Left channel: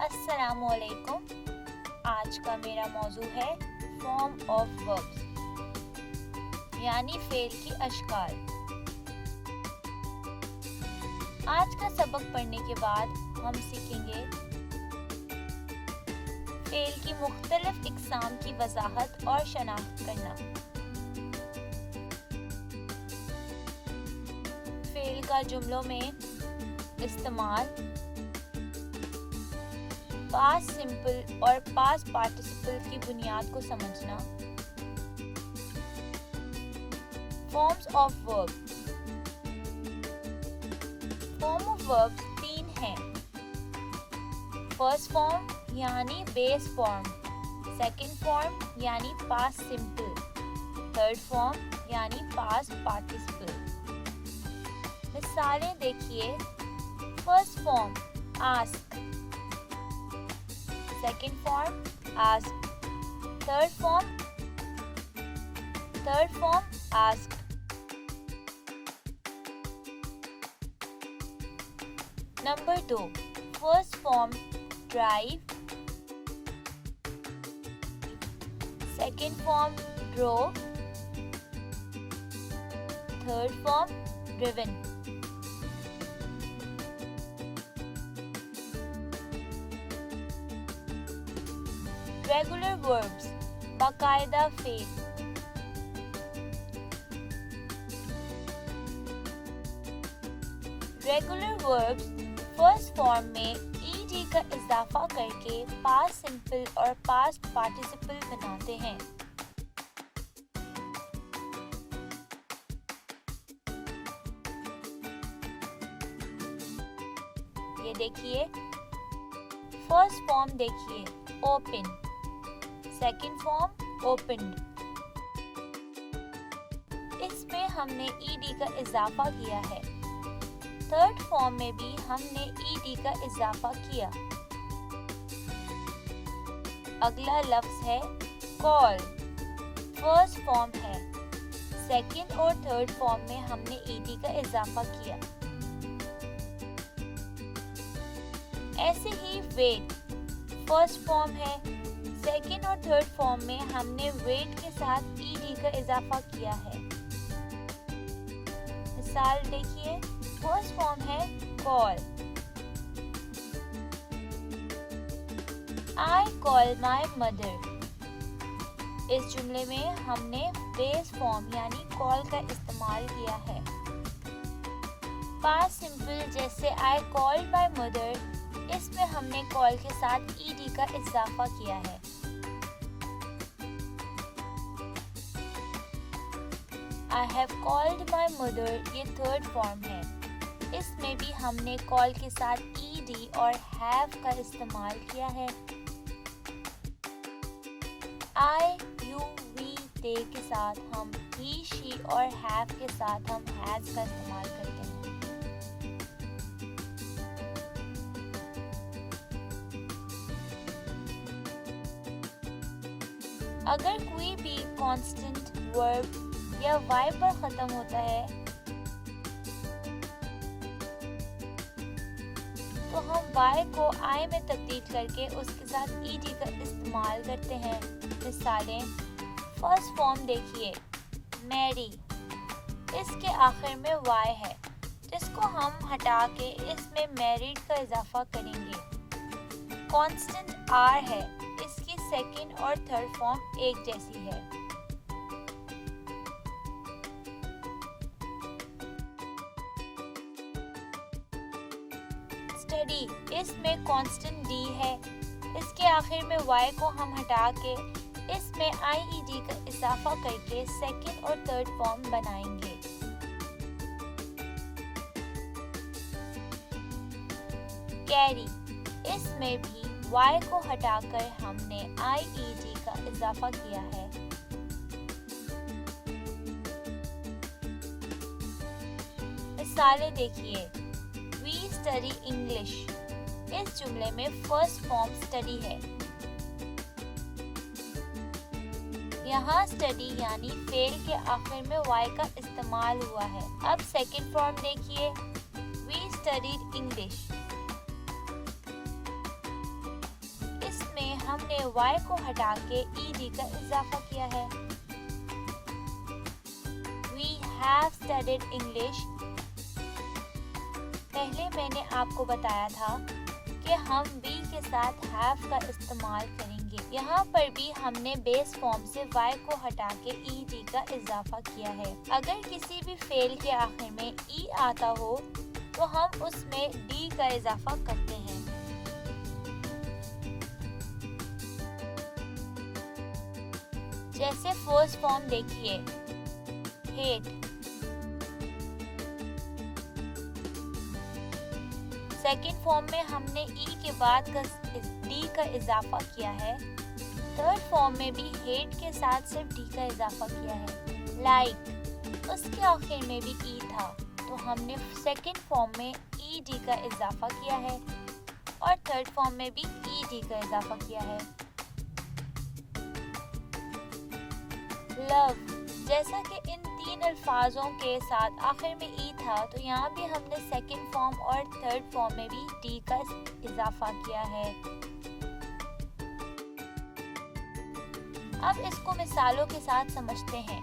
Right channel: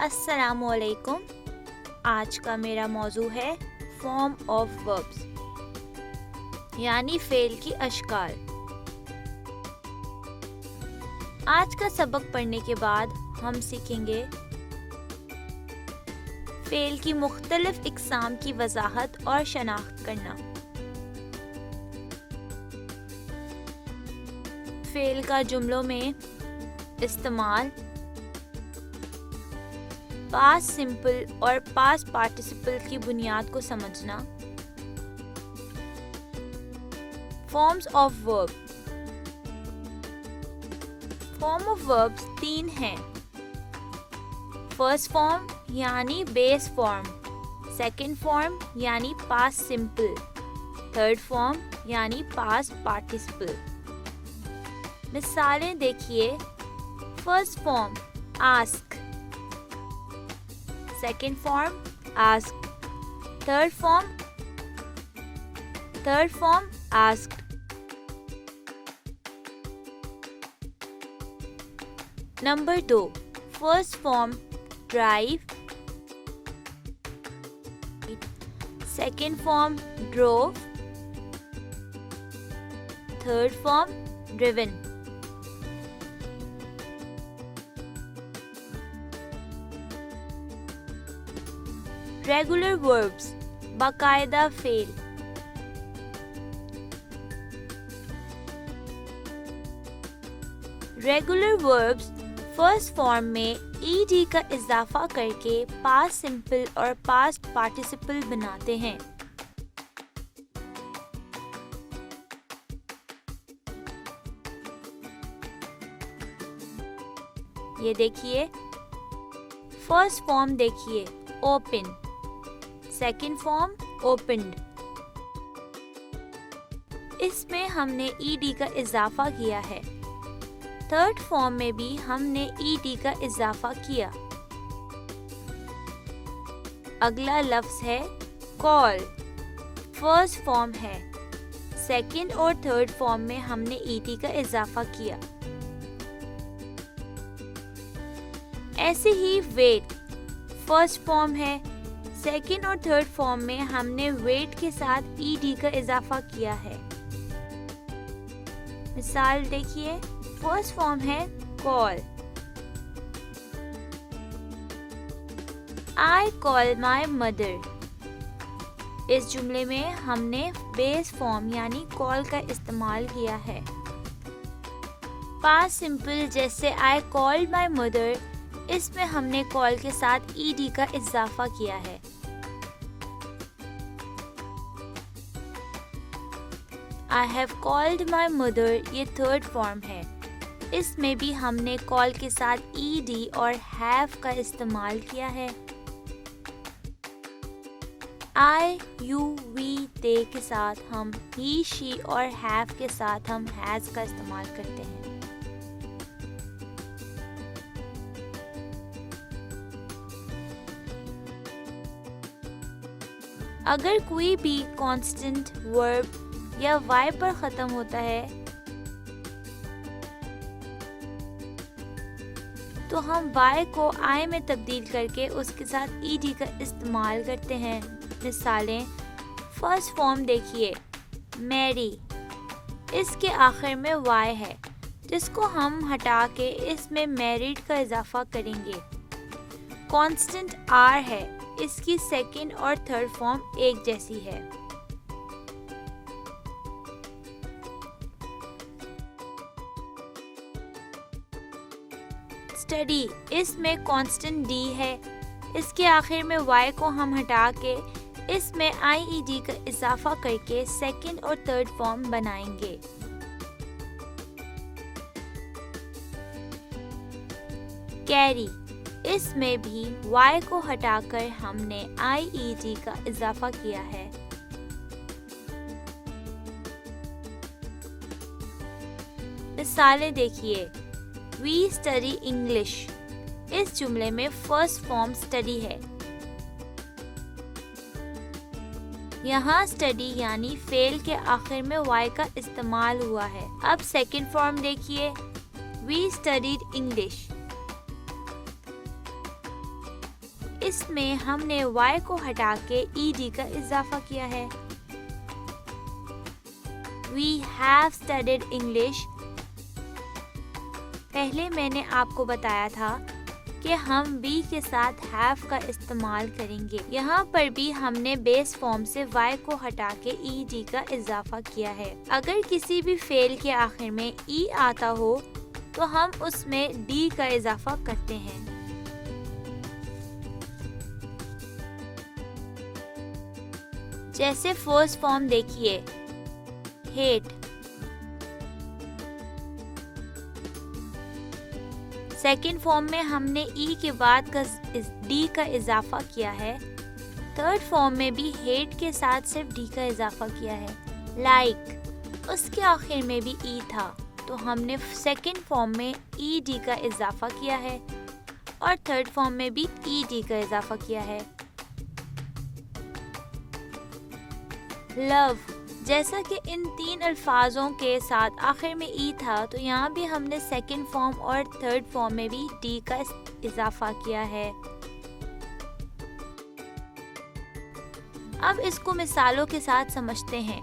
अस्सलामुअलैकुम। आज का मेरा मौजू है फॉर्म ऑफ वर्ब्स यानी फेल की अशकाल। आज का सबक पढ़ने के बाद हम सीखेंगे फेल की मुख्तलिफ इक़साम की वजाहत और शनाख्त करना। फेल का जुमलों में इस्तेमाल, पास्ट सिंपल और पास्ट पार्टिसिपल की बुनियाद को समझना। Forms of verb. Form of verbs 3 हैं। फर्स्ट फॉर्म यानी बेस फॉर्म, सेकंड फॉर्म यानी पास्ट सिंपल, थर्ड फॉर्म यानी पास्ट पार्टिसिपल। मिसालें देखिए। First form ask, second form asked, third form asked। Number 2, first form drive, second form drove, third form driven। Regular verbs बाकायदा fail. Regular verbs first form में ED का इजाफा करके past simple और past participle बनाते हैं। ये देखिए। फर्स्ट फॉर्म देखिए, ओपन, सेकेंड फॉर्म ओपन्ड। इसमें हमने ईडी का इजाफा किया है। थर्ड फॉर्म में भी हमने ईडी का इजाफा किया। अगला लफ्ज है कॉल, फर्स्ट फॉर्म है। सेकेंड और थर्ड फॉर्म में हमने ईडी का इजाफा किया। ऐसे ही वेट, फर्स्ट फॉर्म है। सेकेंड और थर्ड फॉर्म में हमने वेट के साथ ईडी का इजाफा किया है। मिसाल देखिए। फर्स्ट फॉर्म है call, I call my mother. इस जुमले में हमने बेस फॉर्म यानी कॉल का इस्तेमाल किया है। पास्ट सिंपल जैसे आई कॉल्ड माई मदर, इसमें हमने कॉल के साथ ईडी का इजाफा किया है। I have called my mother, ये थर्ड फॉर्म है। इसमें भी हमने कॉल के साथ ईडी और हैव का इस्तेमाल किया है। I, you, we, they के साथ हम he, she और have के साथ हम has का इस्तेमाल करते हैं। अगर कोई भी कांस्टेंट वर्ब या वाई पर खत्म होता है तो हम वाई को आई में तब्दील करके उसके साथ ईडी का इस्तेमाल करते हैं। मिसालें। फर्स्ट फॉर्म देखिए, मैरी। इसके आखिर में वाई है जिसको हम हटा के इसमें मैरिड का इजाफा करेंगे। कांस्टेंट आर है, इसकी सेकंड और थर्ड फॉर्म एक जैसी है। स्टडी, इसमें कांस्टेंट डी है। इसके आखिर में वाई को हम हटा के इसमें आईईडी का इजाफा करके सेकंड और थर्ड फॉर्म बनाएंगे। कैरी, इसमें भी वाई को हटाकर हमने आईईडी का इजाफा किया है। मिसालें देखिए। We study English, इस जुमले में फर्स्ट फॉर्म स्टडी है। यहाँ स्टडी यानी फेल के आखिर में वाई का इस्तेमाल हुआ है। अब सेकंड फॉर्म देखिए, We studied English। इसमें हमने y को हटा के ed का इजाफा किया है। We have studied English। पहले मैंने आपको बताया था कि हम be के साथ have का इस्तेमाल करेंगे। यहाँ पर भी हमने बेस फॉर्म से y को हटा के ed का इजाफा किया है। अगर किसी भी फेल के आखिर में e आता हो तो हम उसमें d का इजाफा करते हैं। जैसे फर्स्ट फॉर्म देखिए, hate। सेकेंड फॉर्म में हमने ई के बाद डी का इजाफा किया है। थर्ड फॉर्म में भी हेट के साथ सिर्फ डी का इजाफा किया है। लाइक, उसके आखिर में भी ई था तो हमने सेकेंड फॉर्म में ई डी का इजाफा किया है और थर्ड फॉर्म में भी ई डी का इजाफा किया है। लव, जैसा कि इन तीन अल्फाजों के साथ आखिर में ई था तो यहाँ भी हमने सेकंड फॉर्म और थर्ड फॉर्म में भी डी का इजाफा किया है। अब इसको मिसालों के साथ समझते हैं।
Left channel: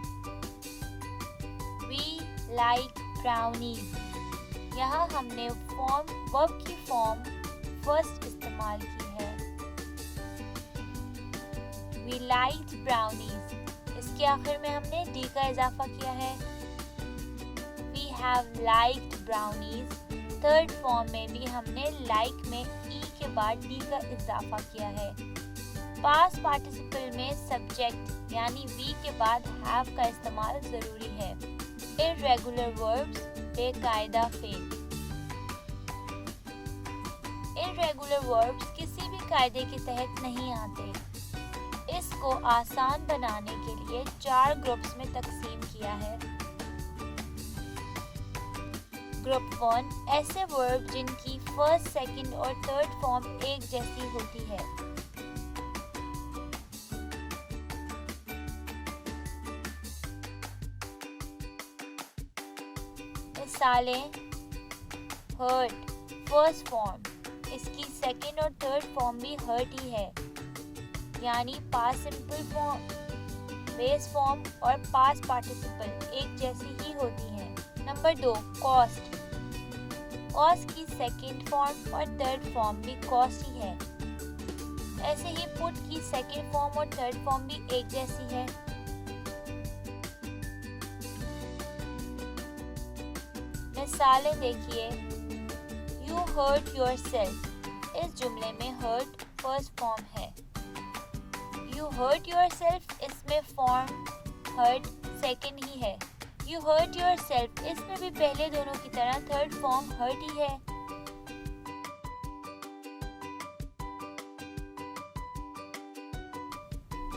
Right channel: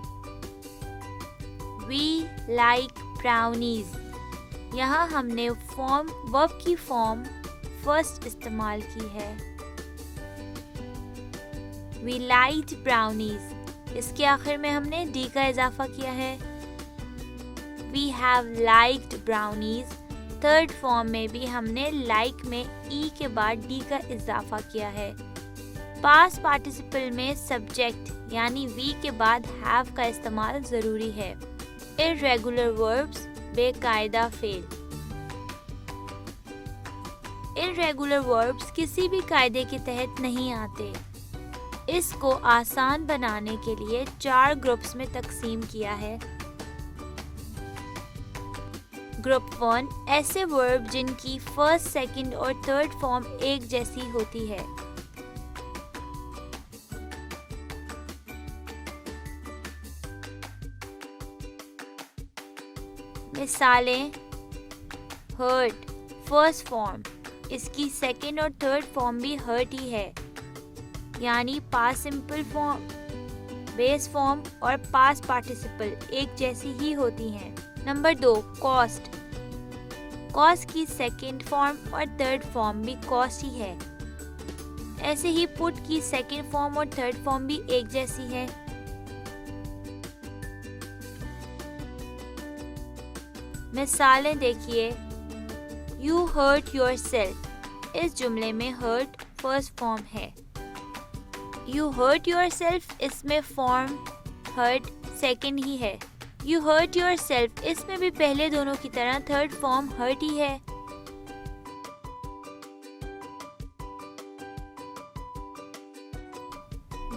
We like brownies। यहाँ हमने वर्ब की फॉर्म फर्स्ट इस्तेमाल की है। We liked brownies। इसके आखिर में हमने डी का इजाफा किया है। We have liked brownies। Third form में भी हमने like में ई के बाद डी का इजाफा किया है। पास्ट पार्टिसिपल में सब्जेक्ट यानी वी के बाद have का इस्तेमाल जरूरी है। इर्रेगुलर वर्ब्स बेकायदा फेल। इर्रेगुलर वर्ब्स किसी भी कायदे के तहत नहीं आते। इसको आसान बनाने के लिए 4 ग्रुप्स में तकसीम किया है। ग्रुप 1 ऐसे वर्ब जिनकी फर्स्ट, सेकंड और थर्ड फॉर्म एक जैसी होती है। मिसालें, हर्ट फर्स्ट फॉर्म, इसकी सेकंड और थर्ड फॉर्म भी हर्ट ही है, यानी past simple form, base form और पास्ट पार्टिसिपल एक जैसी ही होती हैं। Number 2 cost. कॉस्ट की सेकंड फॉर्म और थर्ड फॉर्म भी कॉस्ट ही है। ऐसे ही पुट की सेकंड फॉर्म और थर्ड फॉर्म भी एक जैसी है। मिसालें देखिए। You hurt yourself। इस जुमले में hurt फर्स्ट फॉर्म है। You hurt yourself इसमें फॉर्म hurt सेकंड ही है। You hurt yourself इसमें भी पहले दोनों की तरह थर्ड फॉर्म hurt ही है।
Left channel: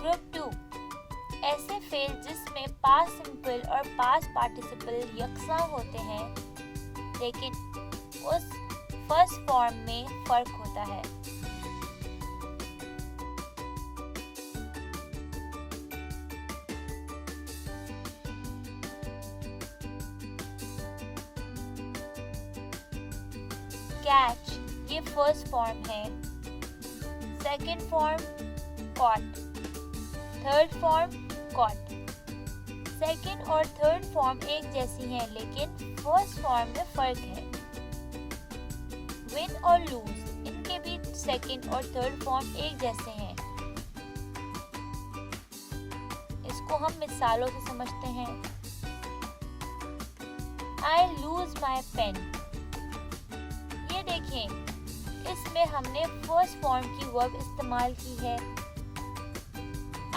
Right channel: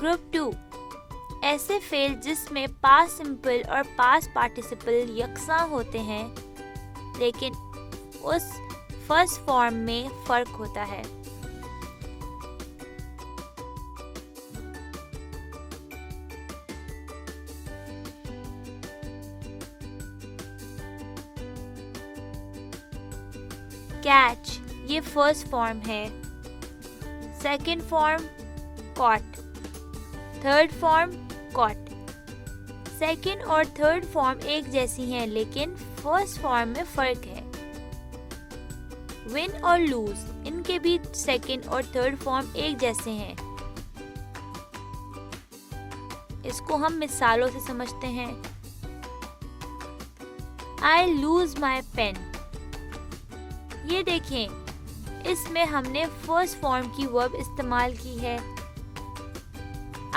ग्रुप 2 ऐसे फेल जिसमें पास्ट सिंपल और पास्ट पार्टिसिपल यकसा होते हैं लेकिन उस फर्स्ट फॉर्म में फर्क होता है। कैच ये फर्स्ट फॉर्म है। Second form caught, third form caught. Second और थर्ड फॉर्म एक जैसी हैं लेकिन फर्स्ट फॉर्म में फर्क है। विन और लूज इनके भी सेकंड और थर्ड फॉर्म एक जैसे हैं। इसको हम मिसालों से समझते हैं। I lose my pen। ये देखें इसमें हमने फर्स्ट फॉर्म की वर्ब इस्तेमाल की है।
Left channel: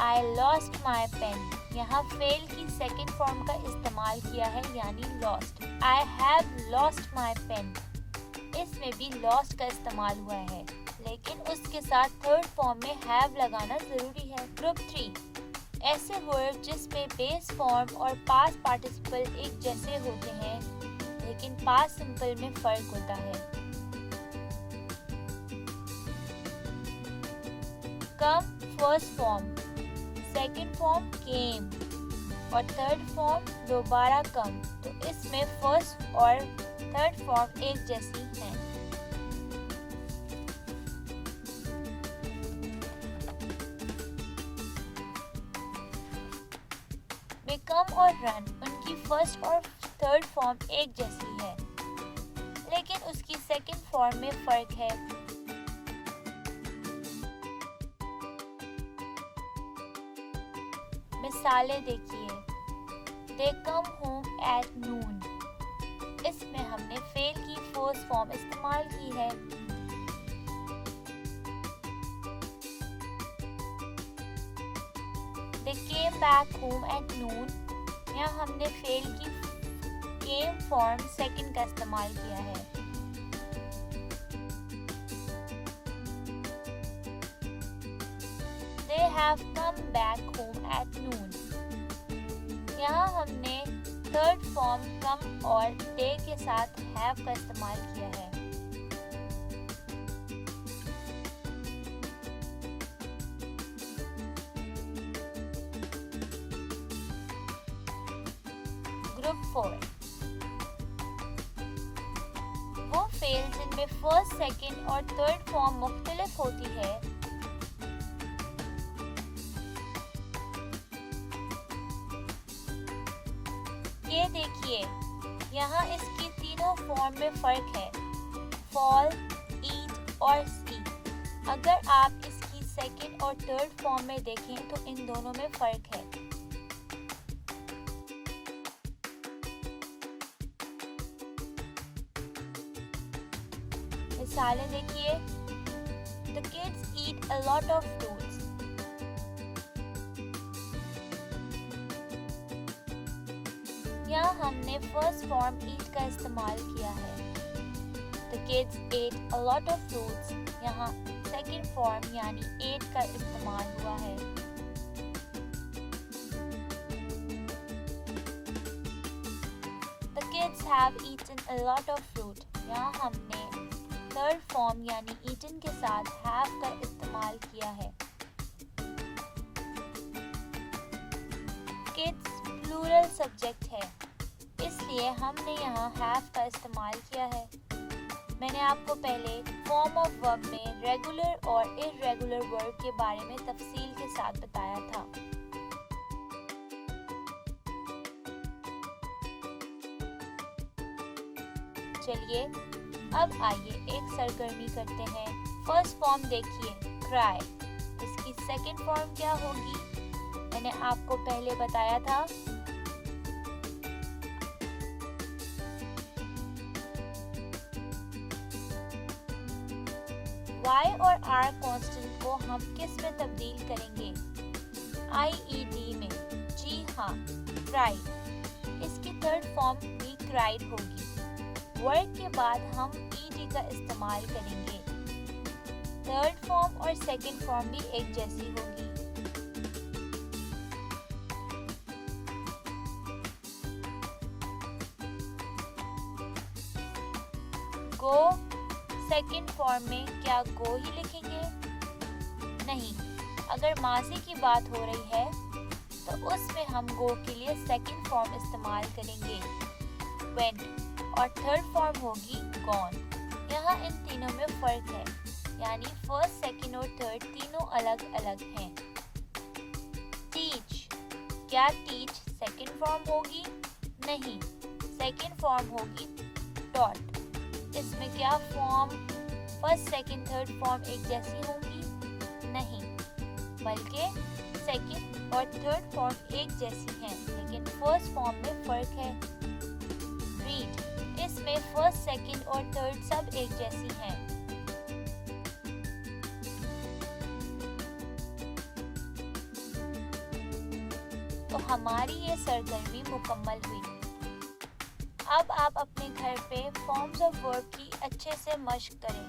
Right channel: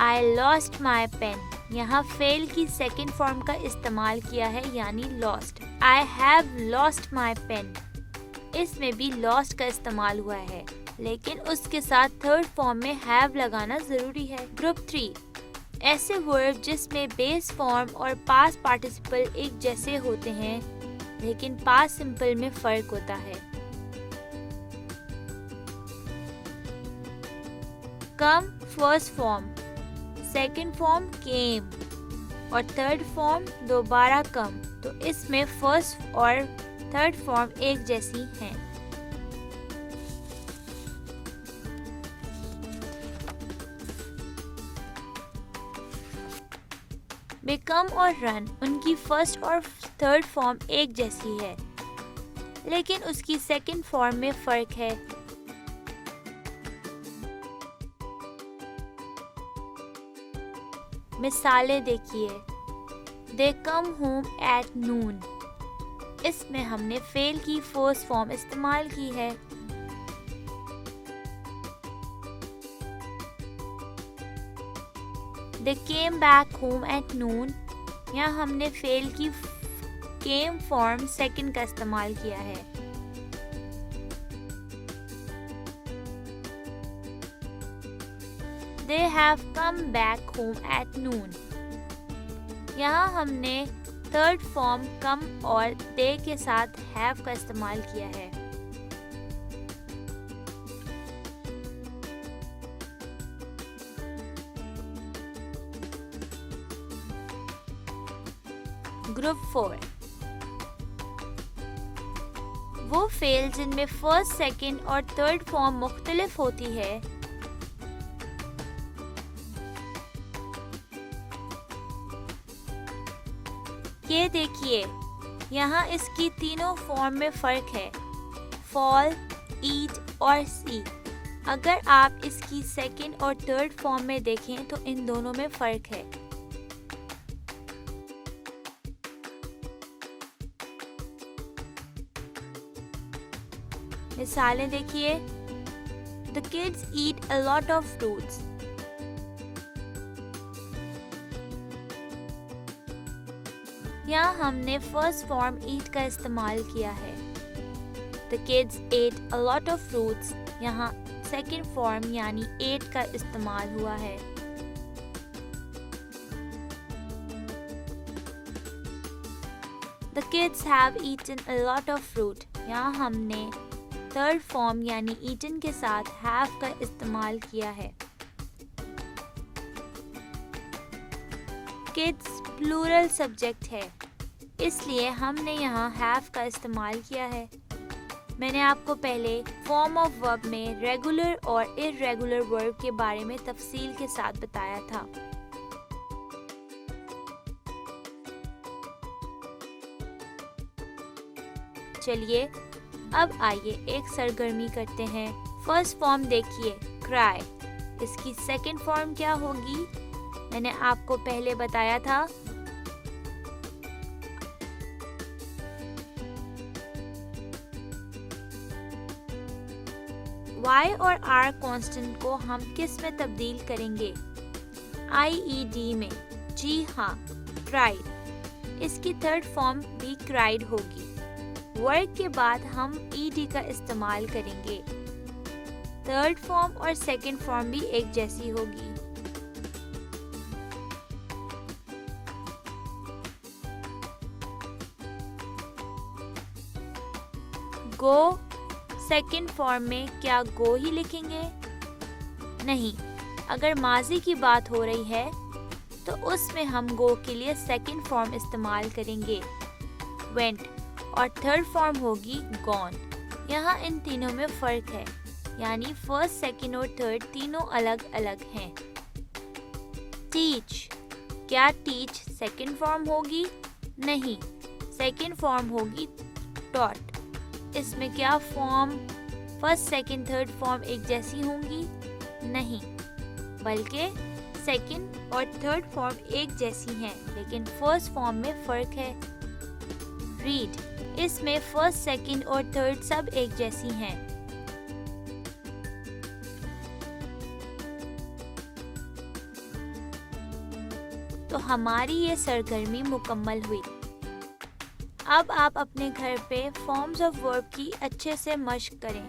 I lost my pen यहाँ फेल की सेकंड फॉर्म का इस्तेमाल किया है यानी lost। I have lost my pen इसमें भी lost का इस्तेमाल हुआ है लेकिन उसके साथ थर्ड फॉर्म में have लगाना जरूरी है। ग्रुप 3 ऐसे वर्ब जिसमें बेस फॉर्म और पास्ट पार्टिसिपल एक जैसे होते हैं लेकिन पास्ट सिंपल में फर्क होता है। Come first form, second form came और थर्ड फॉर्म दोबारा कम, तो इसमें फर्स्ट और थर्ड फॉर्म एक जैसी हैं। कम और रन उनकी फर्स्ट और थर्ड फॉर्म एक जैसी है, लेकिन उसकी सेकंड फॉर्म में फर्क है। मिसालें देखिए। They come home at noon। इसमें हमने फेल की फर्स्ट फॉर्म इस्तेमाल की है। They came back home at noon। यहाँ हमने फेल की came फॉर्म सेकंड का इस्तेमाल किया है। They have come back home at noon। यहाँ हमने थर्ड फॉर्म कम और दे के साथ हैव का इस्तेमाल किया है। ग्रुप 4 वो फेल जिनमें फर्स्ट, सेकंड और थर्ड फॉर्म मुख्तलिफ होती है। ये देखिए, यहाँ इसकी तीनों फॉर्म में फर्क है, फॉल, ईट और सी। अगर आप इसकी सेकंड और थर्ड फॉर्म में देखें तो इन दोनों में फर्क है। मिसालें देखिए। The kids eat a lot of fruits। यहाँ हमने फर्स्ट फॉर्म ईट का इस्तेमाल किया है। The kids ate a lot of fruits। यहाँ सेकंड फॉर्म यानी ate का इस्तेमाल हुआ है। The kids have eaten a lot of fruit। यहाँ हमने थर्ड फॉर्म यानी ईटन के साथ हैव का इस्तेमाल किया है। किड्स प्लूरल सब्जेक्ट है, इसलिए हमने यहाँ हैव का इस्तेमाल किया है। मैंने आपको पहले फॉर्म ऑफ वर्ब में रेगुलर और इर्रेगुलर वर्ब के बारे में तफसील के साथ बताया था। चलिए अब आइए एक सरगर्मी करते हैं। फर्स्ट फॉर्म देखिए, क्राई। इसकी सेकंड फॉर्म क्या होगी? मैंने आपको पहले बताया था। Y और R कांस्टेंट को हम किस में तब्दील करेंगे? IED में। जी हाँ, क्राइड। इसकी थर्ड फॉर्म भी क्राइड होगी। वर्ड के बाद हम ED का इस्तेमाल करेंगे। थर्ड फॉर्म और सेकंड फॉर्म भी एक जैसी होगी। गो सेकंड फॉर्म में क्या गो ही लिखेंगे? नहीं, अगर माजी की बात हो रही है तो उसमें हम गो के लिए सेकंड फॉर्म इस्तेमाल करेंगे, वेंट, और थर्ड फॉर्म होगी गॉन। यहाँ इन तीनों में फर्क है, यानी फर्स्ट, सेकंड और थर्ड तीनों अलग अलग हैं। टीच, क्या टीच सेकंड फॉर्म होगी? नहीं, सेकंड फॉर्म होगी टॉट। इसमें क्या form first, second, third form एक जैसी होंगी? नहीं, बल्कि सेकंड और थर्ड फॉर्म एक जैसी हैं, लेकिन फर्स्ट फॉर्म में फर्क है। रीड, इसमें फर्स्ट, सेकंड और थर्ड सब एक जैसी हैं। तो हमारी ये सरगर्मी मुकम्मल हुई। अब आप अपने घर पे फॉर्म्स ऑफ वर्ब की अच्छे से मश्क करें।